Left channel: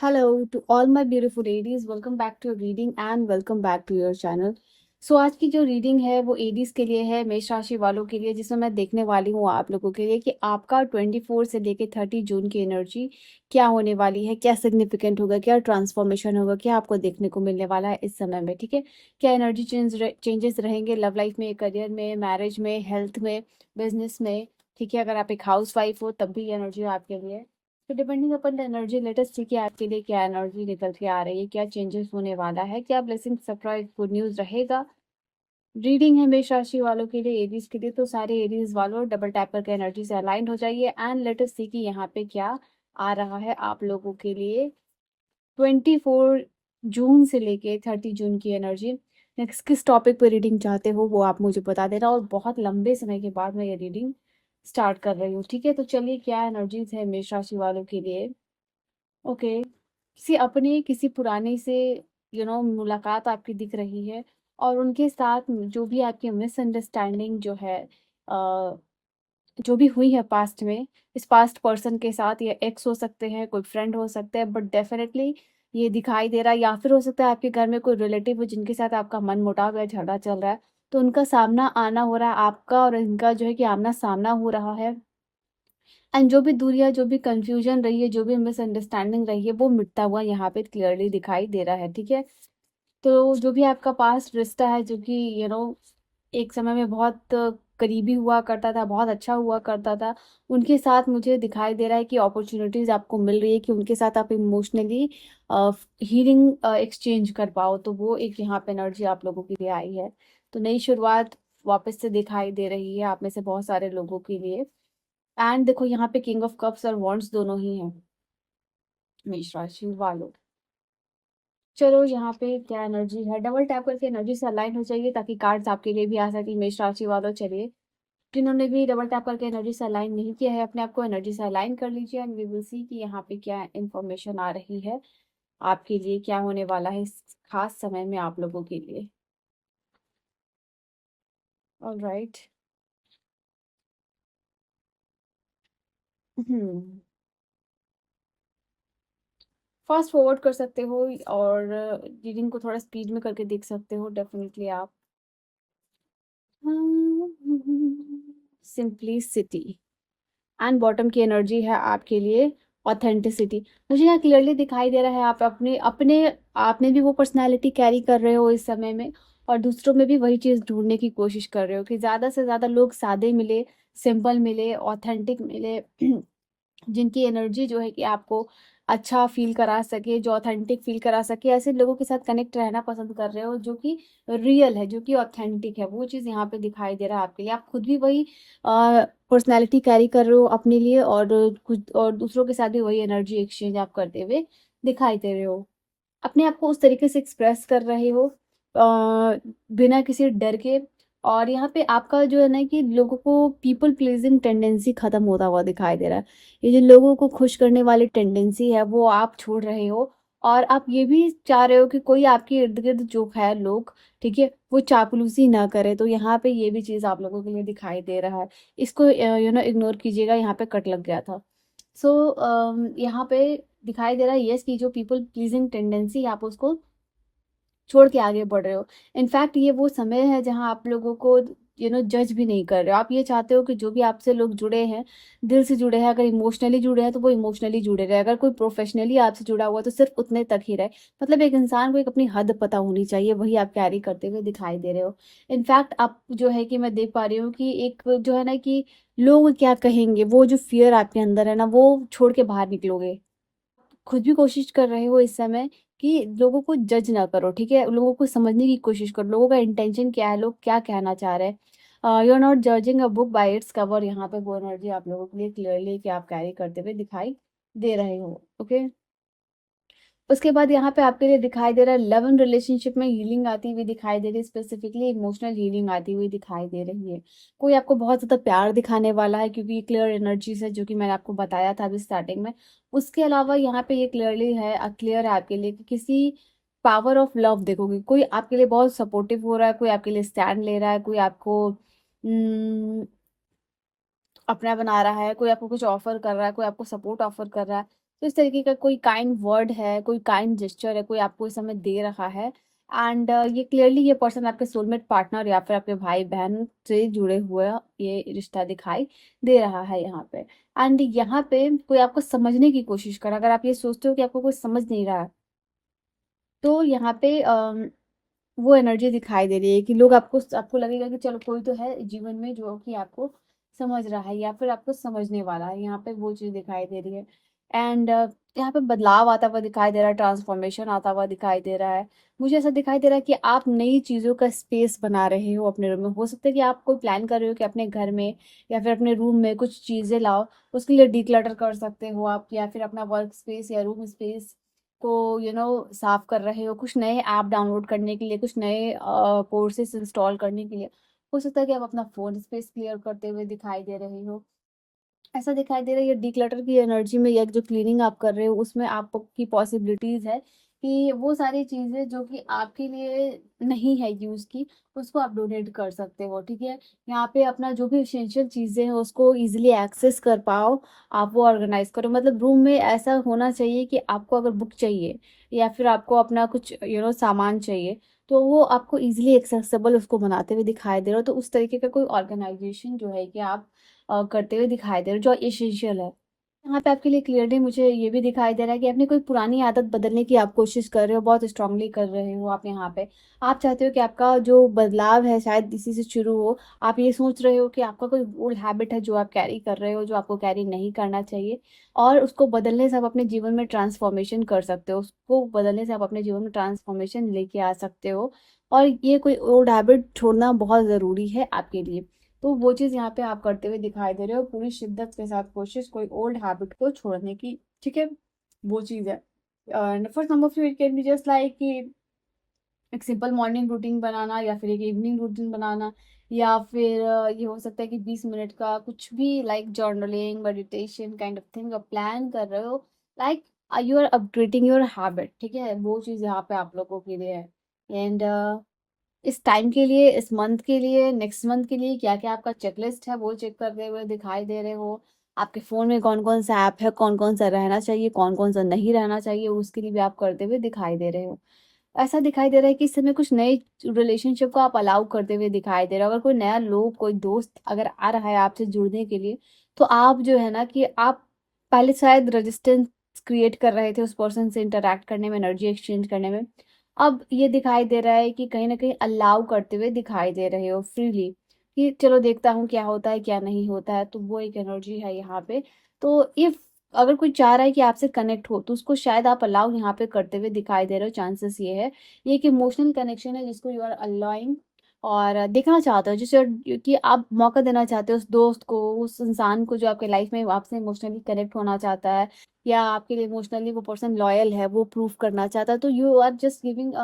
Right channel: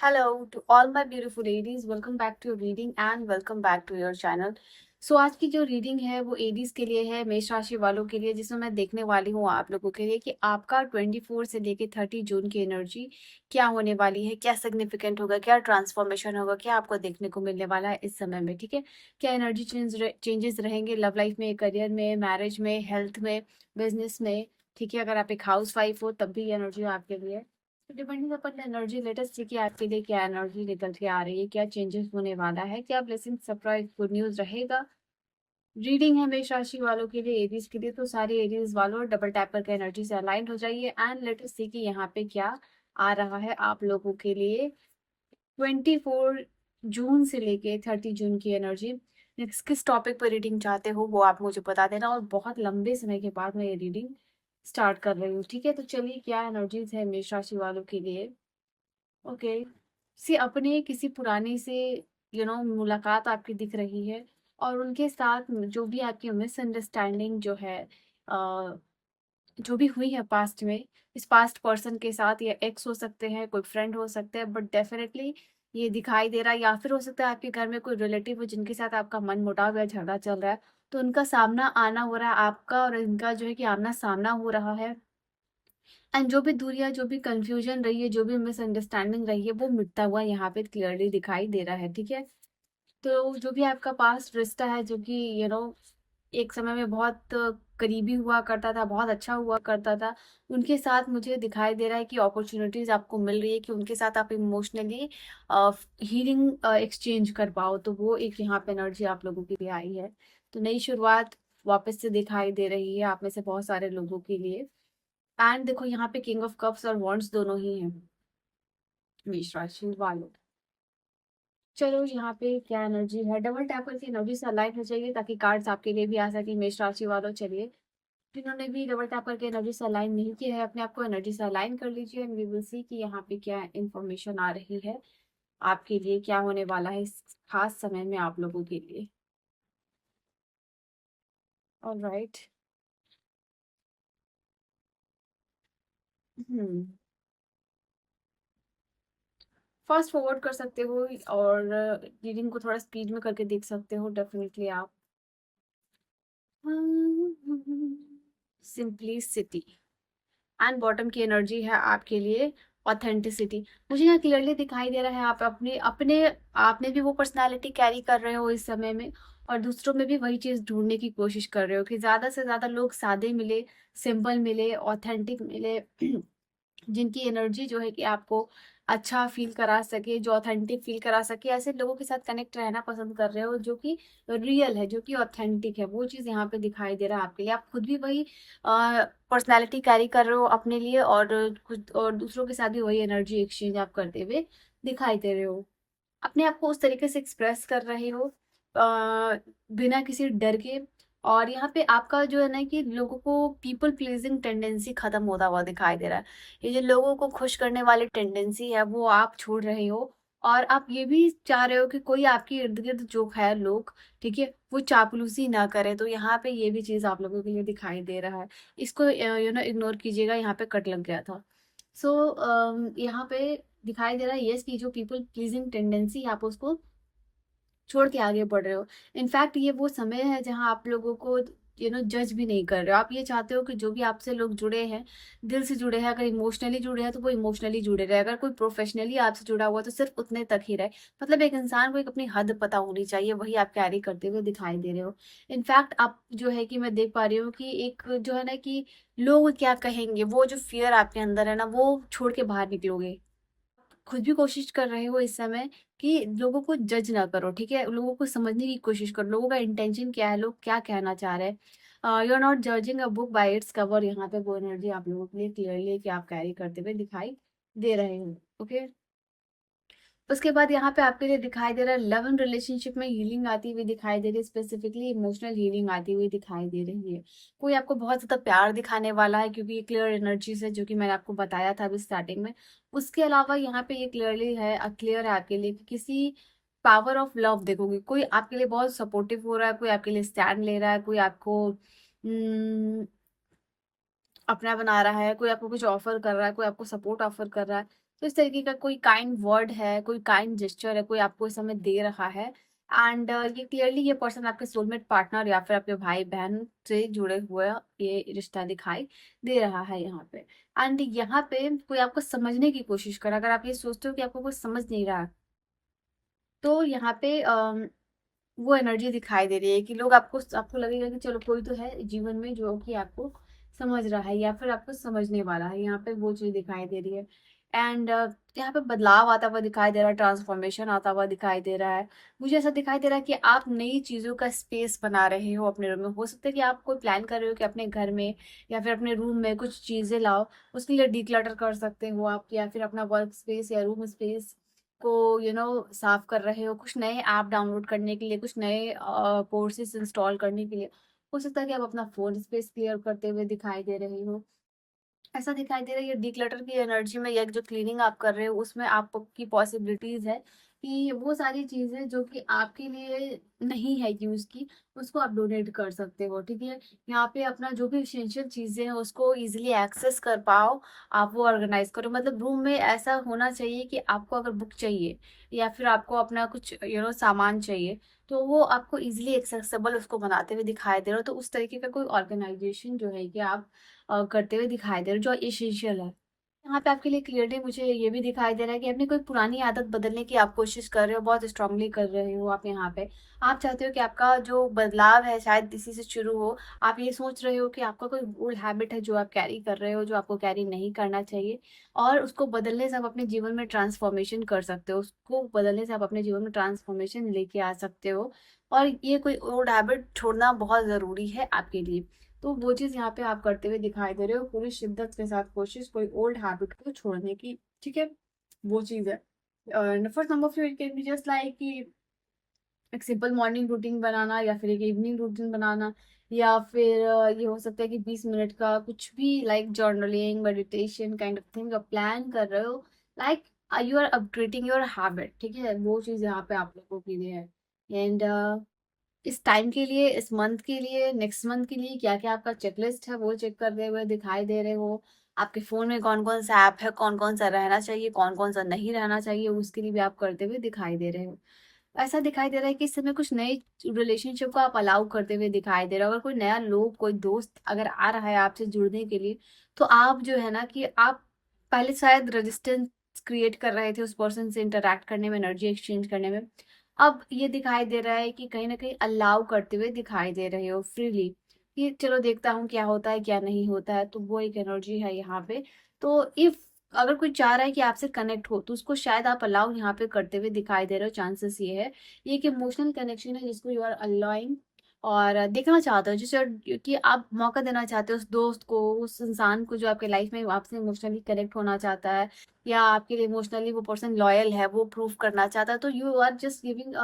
Hello to all my beautiful ladies. Welcome back to your reading and welcome back to your channel. सो आज की जो reading है वो Aedes के लिए है, मेष राशि वालों के लिए, जिसमें मैं देखने वाली हूँ आप लोगों के लिए कि आपका 24 से लेके 30 जून की एनर्जी क्या होने वाली है, क्या सिग्निफिकेंट होगा, क्या ट्रांसफॉर्मेशन होगा, क्या आपको देखने को मिलने वाला है इस समय में। ठीक है, क्या एनर्जी चेंजेस रहेंगे लव लाइफ में, करियर में, मैरिज में, हेल्थ में, बिजनेस में। ठीक है, अगर आप एक हाउस वाइफ हो तब भी एनर्जी आपके लिए। तो डिपेंडिंग अपन एनर्जी लेटेस्ट सी कि आपके लिए क्या एनर्जी निकल के आ रही है, क्या चेंजेस होने वाला है, क्या ब्लेसिंग सरप्राइज गुड न्यूज रहेगा। रीडिंग है मेष राशि वालों के लिए, एरीज के लिए, तो सारे एरीज वालों डबल टैप करके एनर्जी से अलाइंड हो जाइए एंड लेटेस्ट सी कि यहाँ पे क्या आ रहा है आप लोगों के लिए 24 जून से लेके 30 जून की एनर्जी। नेक्स्ट किस टॉपिक पर रीडिंग चाहते हो वो आप मुझे बता देना, और बहुत लंबे समय के बाद मैं ये रीडिंग स्टार्ट कर रही हूँ। ठीक है, तो चलिए क्या एनर्जीज है मेष राशि वालों के लिए। ओके, किसी पुराने से मुलाकात आपकी दिख रही है, और उनके साथ जो भी आपकी मिसअंडरस्टैंडिंग जो है, जो भी हुई है पास्ट में, इस पास्ट पर्सन के साथ, ये एक्स हो सकते हैं, कोई फ्रेंड हो सकता है, बट डेफिनेटली ये दिखाई दे रहा है, या फिर हो सकता है आपके घर में कोई रिलेटिव हो जिनके साथ आपका मन मुटाव या झगड़ा चल रहा है, तो उनका सामना आना हो रहा है आपका और इनका जो है कि आमना सामना हो रहा है। एंड जो भी दूरियां, जो भी कंफ्यूजन रही है, जो भी मिसअंडरस्टैंडिंग रही है, वो मिटता हुआ यहाँ पे क्लियरली दिखाई दे रहा है। ठीक है, तो जो भी आपका पास्ट रिश्ता है, जो कि एक समय में बहुत करीबी हुआ करता था, बहुत अच्छा हुआ करता था, उनके साथ मुझे दिखाई दे रहा है कि अपॉर्चुनिटीज आपको मिल रही है कि उनके साथ आप इमोशनली हीलिंग एक्सचेंज कर पाओ, तो वो एक यहाँ पे एनर्जी आप लोगों के लिए आई है। तो नई शुरुआत वापस से दिखाई दे रही है आप में से बहुत सारे लोगों के लिए। एंड देखो यहाँ पे किंग ऑफ कप्स और वॉन्ड्स दोनों ही हैं मेष राशि वालों। चलो यहाँ पे क्या एनर्जी है, डबल टैप करके एनर्जी से अलाइन हो जाइए ताकि कार्ड्स आपके लिए भी आ सके मेष राशि वालों। चलिए, जिन्होंने भी डबल टैप करके एनर्जी से अलाइन नहीं किया है, अपने आप को एनर्जी से अलाइन कर लीजिए एंड वी विल सी कि यहाँ पे क्या इंफॉर्मेशन आ रही है आपके लिए, क्या होने वाला है इस खास समय में आप लोगों के लिए। ऑलराइट। हम्म, फास्ट फॉरवर्ड कर सकते हो और रीडिंग को थोड़ा स्पीड में करके देख सकते हो डेफिनेटली आप। सिंपलिसिटी एंड बॉटम की एनर्जी है आपके लिए ऑथेंटिसिटी। मुझे यहाँ क्लियरली दिखाई दे रहा है आप अपने अपने आपने भी वो पर्सनालिटी कैरी कर रहे हो इस समय में, और दूसरों में भी वही चीज ढूंढने की कोशिश कर रहे हो कि ज्यादा से ज्यादा लोग सादे मिले, सिंपल मिले, ऑथेंटिक मिले, जिनकी एनर्जी जो है कि आपको अच्छा फील करा सके, जो ऑथेंटिक फील करा सके, ऐसे लोगों के साथ कनेक्ट रहना पसंद कर रहे हो जो कि रियल है, जो कि ऑथेंटिक है। वो चीज़ यहाँ पे दिखाई दे रहा है आपके लिए। आप खुद भी वही पर्सनैलिटी कैरी कर रहे हो अपने लिए, और खुद और दूसरों के साथ भी वही एनर्जी एक्सचेंज आप करते हुए दिखाई दे रहे हो। अपने आप को उस तरीके से एक्सप्रेस कर रहे हो बिना किसी डर के। और यहाँ पे आपका जो है ना कि लोगों को पीपल प्लीजिंग टेंडेंसी खत्म होता हुआ दिखाई दे रहा है। ये जो लोगों को खुश करने वाली टेंडेंसी है वो आप छोड़ रहे हो, और आप ये भी चाह रहे हो कि कोई आपके इर्द गिर्द जो है लोग, ठीक है, वो चापलूसी ना करे। तो यहाँ पे ये भी चीज आप लोगों के लिए दिखाई दे रहा है। इसको इग्नोर कीजिएगा, यहाँ पे कट लग गया था। सो यहाँ पे दिखाई दे रहा है यस कि जो पीपल प्लीजिंग टेंडेंसी आप उसको छोड़ के आगे बढ़ रहे हो। इनफैक्ट ये वो समय है जहां आप लोगों को जज भी नहीं कर रहे हो। आप ये चाहते हो कि जो भी आपसे लोग जुड़े हैं, दिल से जुड़े हैं, अगर इमोशनली जुड़े हैं तो वो इमोशनली जुड़े रहे, अगर कोई प्रोफेशनली आपसे जुड़ा हुआ तो सिर्फ उतने तक ही रहे। मतलब एक इंसान को एक अपनी हद पता होनी चाहिए, वही आप कैरी करते हुए दिखाई दे रहे हो। इनफैक्ट आप जो है कि मैं देख पा रही हूँ कि एक जो है ना कि लोग क्या कहेंगे, वो जो फियर आपके अंदर है ना, वो छोड़ के बाहर निकलोगे। खुद भी कोशिश कर रहे हो इस समय कि लोगों को जज ना करो, ठीक है, लोगों को समझने की कोशिश करो, लोगों का इंटेंशन क्या है, लोग क्या कहना चाह रहे हैं। You are not judging a book by its cover. यहाँ पे वो एनर्जी आप लोगों के लिए क्लियरली कि आप कैरी करते हुए दिखाई दे रहे हो। ओके, उसके बाद यहाँ पे आपके लिए दिखाई दे रहा है लव एंड रिलेशनशिप में हीलिंग आती हुई दिखाई दे रही है, स्पेसिफिकली इमोशनल हीलिंग आती हुई दिखाई दे रही है। कोई आपको बहुत ज्यादा प्यार दिखाने वाला है, क्योंकि ये क्लियर एनर्जीज है जो कि मैंने आपको बताया था अभी स्टार्टिंग में। उसके अलावा यहाँ पे ये क्लियरली है, क्लियर है आपके लिए कि किसी पावर ऑफ लव देखोगे, कोई आपके लिए बहुत सपोर्टिव हो रहा है, कोई आपके लिए स्टैंड ले रहा है, कोई आपको अपना बना रहा है, कोई आपको कुछ ऑफर कर रहा है, कोई आपको सपोर्ट ऑफर कर रहा है। तो इस तरीके का कोई काइंड वर्ड है, कोई काइंड जेस्चर है, कोई आपको इस समय दे रहा है। एंड ये क्लियरली ये पर्सन आपके सोलमेट पार्टनर या फिर आपके भाई-बहन से जुड़े हुए ये रिश्ता दिखाई दे रहा है यहाँ पे। एंड यहाँ पे कोई आपको समझने की कोशिश कर रहा है। अगर आप ये सोचते हो कि आपको कोई समझ नहीं रहा है, तो यहाँ पे वो एनर्जी दिखाई दे रही है कि लोग आपको लगेगा कि चलो कोई तो है जीवन में जो कि आपको समझ रहा है या फिर आपको समझने वाला है। यहाँ पे वो चीज़ दिखाई दे रही है। एंड यहाँ पे बदलाव आता हुआ दिखाई दे रहा है, ट्रांसफॉर्मेशन आता हुआ दिखाई दे रहा है। मुझे ऐसा दिखाई दे रहा है कि आप नई चीज़ों का स्पेस बना रहे हो अपने रूम में। हो सकता है कि आप कोई प्लान कर रहे हो कि अपने घर में या फिर अपने रूम में कुछ चीज़ें लाओ। उसके लिए डिक्लटर कर सकते हो आप, या फिर अपना वर्क स्पेस या रूम स्पेस को साफ कर रहे हो, कुछ नए ऐप डाउनलोड करने के लिए, कुछ नए कोर्सेस इंस्टॉल करने के लिए। हो सकता है कि आप अपना फ़ोन स्पेस क्लियर करते हुए दिखाई दे रहे हो। ऐसा दिखाई दे रहा है ये डिक्लटर की एनर्जी में, या जो क्लीनिंग आप कर रहे हो उसमें आपकी पॉसिबिलिटीज है कि वो सारी चीजें जो कि आपके लिए नहीं है यूज की, उसको आप डोनेट कर सकते हो। ठीक है, यहाँ पे अपना जो भी एसेंशियल चीजें हैं उसको इजीली एक्सेस कर पाओ, आप वो ऑर्गेनाइज करो। मतलब रूम में ऐसा होना चाहिए कि आपको अगर बुक चाहिए या फिर आपको अपना कुछ सामान चाहिए, तो वो आपको इजीली एक्सेसिबल उसको बनाते हुए दिखाई दे रहा हो। तो उस तरीके का कोई ऑर्गेनाइजेशन जो है कि आप करते हुए दिखाई दे रहे हो, जो एसेंशियल है। यहाँ पे आपके लिए क्लियरली मुझे ये भी दिखाई दे रहा है कि अपनी कोई पुरानी आदत बदलने की आप कोशिश कर रहे हो, बहुत स्ट्रांगली कर रहे हो आप यहाँ पे। आप चाहते हो कि आपका जो बदलाव है शायद इसी से शुरू हो। आप ये सोच रहे हो कि आपका कोई ओल्ड हैबिट है जो आप कैरी कर रहे हो, जो आपको कैरी नहीं करना चाहिए, और उसको बदलने से आप अपने जीवन में ट्रांसफॉर्मेशन कर सकते हो। उसको बदलने से आप अपने जीवन में ट्रांसफॉर्मेशन लेके आ सकते हो। और ये कोई ओल्ड हैबिट छोड़ना बहुत ज़रूरी है आपके लिए। तो वो चीज़ यहाँ पे आप करते हुए दिखाई दे रहे हो, पूरी शिद्दत के साथ कोशिश कोई ओल्ड हैबिट को छोड़ने की। ठीक है, वो चीज़ है। फर्स्ट नंबर फिर it can be just like कि एक सिंपल मॉर्निंग रूटीन बनाना, या फिर एक इवनिंग रूटीन बनाना, या फिर ये हो सकता है कि 20 मिनट का कुछ भी like journaling, meditation kind of thing आप प्लान कर रहे हो। Like you are upgrading your habit. ठीक है, वो चीज़ यहाँ पे आप लोगों के लिए है। एंड इस टाइम के लिए, इस मंथ के लिए, नेक्स्ट मंथ के लिए क्या क्या आपका चेकलिस्ट है वो चेक करते हुए दिखाई दे रहे हो। आपके फ़ोन में कौन कौन सा ऐप है, कौन कौन सा रहना चाहिए, कौन कौन सा नहीं रहना चाहिए, उसके लिए भी आप करते हुए दिखाई दे रहे हो। ऐसा दिखाई दे रहा है कि इस समय कुछ नए रिलेशनशिप को आप अलाउ करते हुए दिखाई दे रहे हो। अगर कोई नया लोग, कोई दोस्त अगर आ रहा है आपसे जुड़ने के लिए, तो आप जो है ना कि आप पहले शायद रेजिस्टेंस क्रिएट कर रहे थे उस पर्सन से इंटरैक्ट करने में, एनर्जी एक्सचेंज करने में। अब ये दिखाई दे रहा है कि कहीं ना कहीं अलाउ करते हुए दिखाई दे रहे हो फ्रीली, कि चलो देखता हूँ क्या होता है क्या नहीं होता है। तो वो एक एनर्जी है यहाँ पे। तो इफ अगर कोई चाह रहा है कि आपसे कनेक्ट हो, तो उसको शायद आप अलाउ यहाँ पे करते हुए दिखाई दे रहे हो। चांसेस ये है, ये एक इमोशनल कनेक्शन है जिसको यू आर अलाउइंग, और देखना चाहते हो जिसे, कि आप मौका देना चाहते हो उस दोस्त को, उस इंसान को जो आपके लाइफ में आपसे इमोशनली कनेक्ट होना चाहता है, या आपके लिए इमोशनली वो पर्सन लॉयल है, वो प्रूव करना चाहता है। तो you are just giving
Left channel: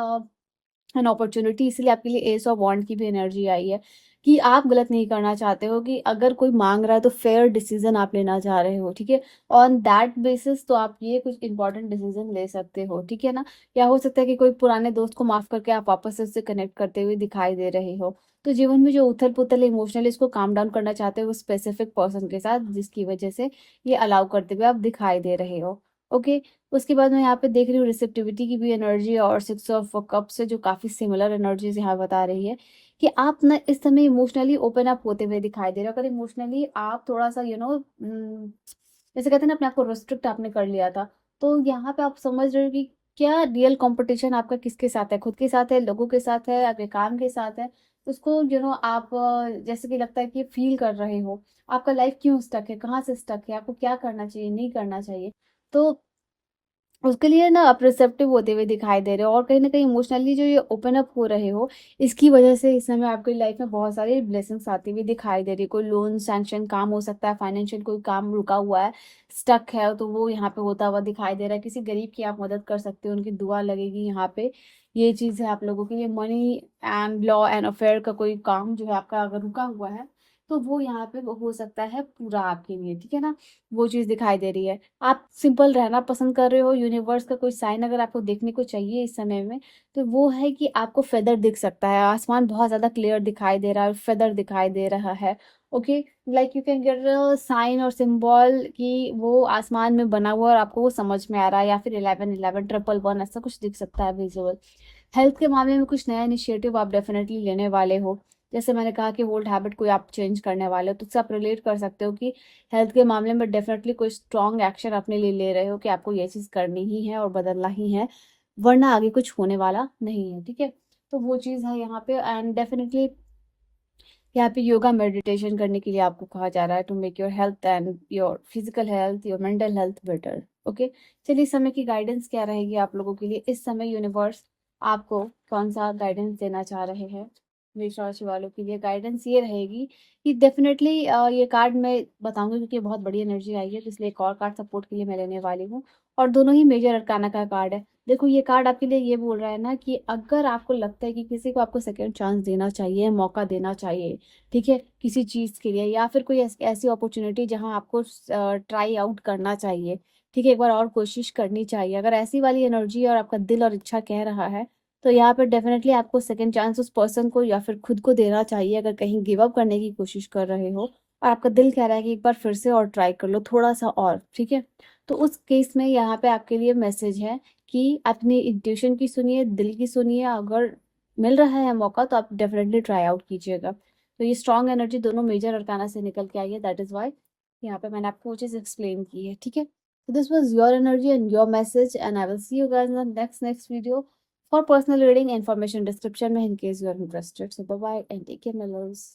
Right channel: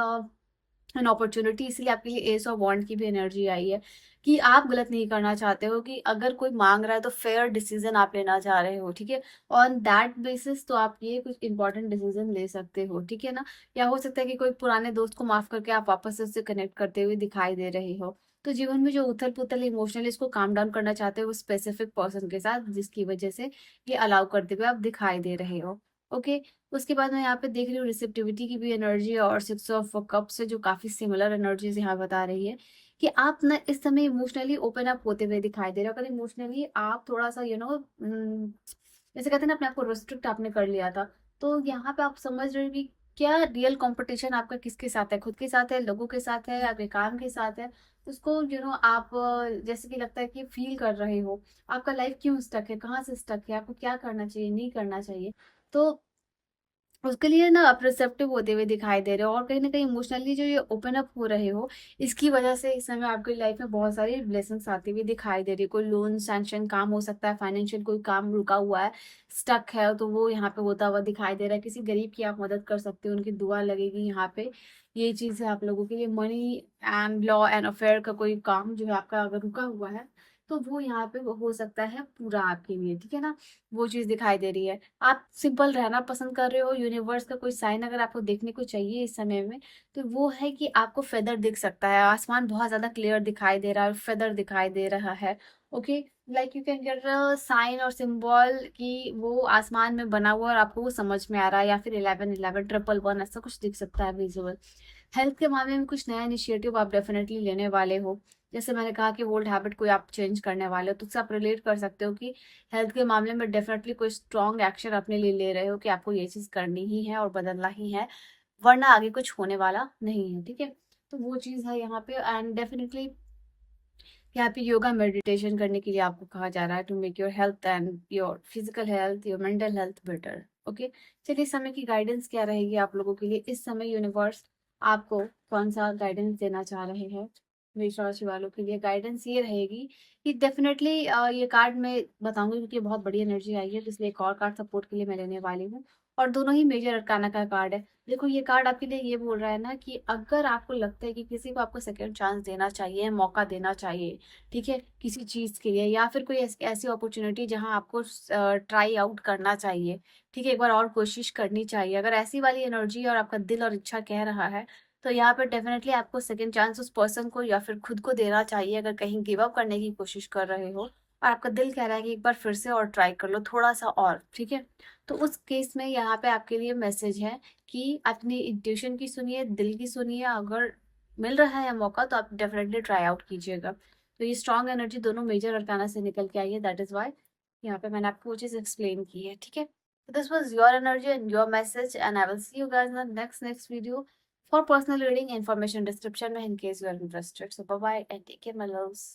an opportunity. इसलिए आपके लिए एस ऑफ वॉन्ड की भी एनर्जी आई है कि आप गलत नहीं करना चाहते हो, कि अगर कोई मांग रहा है तो फेयर डिसीजन आप लेना चाह रहे हो। ठीक है, ऑन दैट बेसिस तो आप ये कुछ इंपॉर्टेंट डिसीजन ले सकते हो। ठीक है ना, या हो सकता है कि कोई पुराने दोस्त को माफ करके आप वापस से उससे कनेक्ट करते हुए दिखाई दे रहे हो। तो जीवन में जो उथल पुथल इमोशनली इसको काम डाउन करना चाहते हो, वो स्पेसिफिक पर्सन के साथ, जिसकी वजह से ये अलाउ करते हुए आप दिखाई दे रहे हो। ओके, उसके बाद मैं यहाँ पे देख रही हूँ रिसेप्टिविटी की भी एनर्जी, और सिक्स ऑफ कप से जो काफी सिमिलर एनर्जीज यहाँ बता रही है कि आप ना इस समय इमोशनली ओपन अप होते हुए दिखाई दे रहे हो। अगर इमोशनली आप थोड़ा सा जैसे कहते हैं ना, अपने आप को रिस्ट्रिक्ट आपने कर लिया था, तो यहाँ पे आप समझ रहे हो कि क्या रियल कंपटीशन आपका किसके साथ है, खुद के साथ है, लोगों के साथ है, आपके काम के साथ है। तो उसको आप जैसे कि लगता है कि फील कर रहे हो, आपका लाइफ क्यों स्टक है, कहाँ से स्टक है, आपको क्या करना चाहिए, नहीं करना चाहिए। तो उसके लिए ना आप रिसेप्टिव होते हुए दिखाई दे रहे हो, और कहीं ना कहीं इमोशनली जो ये ओपन अप हो रहे हो, इसकी वजह से इस समय आपकी लाइफ में बहुत सारी ब्लेसिंग्स आती हुई दिखाई दे रही है। कोई लोन सैंक्शन काम हो सकता है, फाइनेंशियल कोई काम रुका हुआ है, स्टक है, तो वो यहाँ पे होता हुआ दिखाई दे रहा है। किसी गरीब की आप मदद कर सकते हो, उनकी दुआ लगेगी यहाँ पे। ये चीज़ है आप लोगों के लिए। Money and law and affair का कोई काम जो है आपका अगर रुका हुआ है, तो वो यहाँ पे वो हो सकता है पूरा आपके लिए, ठीक है ना? वो चीज़ दिखाई दे रही है। आप सिंपल रहना पसंद कर रहे हो, यूनिवर्स का कोई साइन अगर आपको देखने को चाहिए इस समय में, तो वो है कि आपको फेदर दिख सकता है। आसमान बहुत ज़्यादा क्लियर दिखाई दे रहा है, फेदर दिखाई दे रहा है। Okay, like you can get a sign और सिंबल कि वो आसमान में बना हुआ और आपको वो समझ में आ रहा है, या फिर 1111 ट्रिपल वन ऐसा कुछ दिख सकता है विजुअल। हेल्थ के मामले में कुछ नया इनिशिएटिव आप डेफिनेटली लेने वाले हो। जैसे मैंने कहा कि ओल्ड हैबिट कोई आप चेंज करने वाले हो, तो उससे आप रिलेट कर सकते हो कि हेल्थ के मामले में डेफिनेटली कोई स्ट्रॉन्ग एक्शन अपने लिए ले रहे हो कि आपको ये चीज़ करनी ही है और बदलना ही है, वरना आगे कुछ होने वाला नहीं है, ठीक है? तो वो चीज़ है यहाँ पे। एंड डेफिनेटली यहाँ पे योगा मेडिटेशन करने के लिए आपको कहा जा रहा है to make your health and your physical health, your mental health better. Okay, चलिए इस समय की गाइडेंस क्या रहेगी आप लोगों के लिए? इस समय यूनिवर्स आपको कौन सा गाइडेंस देना चाह रहे हैं? मेष राशि वालों के लिए गाइडेंस ये रहेगी कि डेफिनेटली ये कार्ड मैं बताऊंगी क्योंकि बहुत बड़ी एनर्जी आई है, तो इसलिए एक और कार्ड सपोर्ट के लिए मैं लेने वाली हूँ। और दोनों ही मेजर अरकाना का कार्ड है। देखो ये कार्ड आपके लिए ये बोल रहा है ना कि अगर आपको लगता है कि किसी को आपको सेकंड चांस देना चाहिए, मौका देना चाहिए, ठीक है, किसी चीज़ के लिए, या फिर कोई ऐसी अपॉर्चुनिटी जहां आपको ट्राई आउट करना चाहिए, ठीक है, एक बार और कोशिश करनी चाहिए, अगर ऐसी वाली एनर्जी और आपका दिल और इच्छा कह रहा है, तो यहाँ पर डेफिनेटली आपको सेकंड चांस उस पर्सन को या फिर खुद को देना चाहिए। अगर कहीं गिव अप करने की कोशिश कर रहे हो और आपका दिल कह रहा है कि एक बार फिर से और ट्राई कर लो थोड़ा सा और, ठीक है, तो उस केस में यहाँ पे आपके लिए मैसेज है कि अपनी इंट्यूशन की सुनिए, दिल की सुनिए। अगर मिल रहा है मौका तो आप डेफिनेटली ट्राई आउट कीजिएगा। तो ये स्ट्रॉन्ग एनर्जी दोनों मेजर अरकाना से निकल के आई है, दैट इज वाई यहाँ पे मैंने आपको वो चीज एक्सप्लेन की है, ठीक है? So this was your energy and your message, and I will see you guys in the next video for personal reading. Information description में in case you are interested. So bye bye and take care, my loves.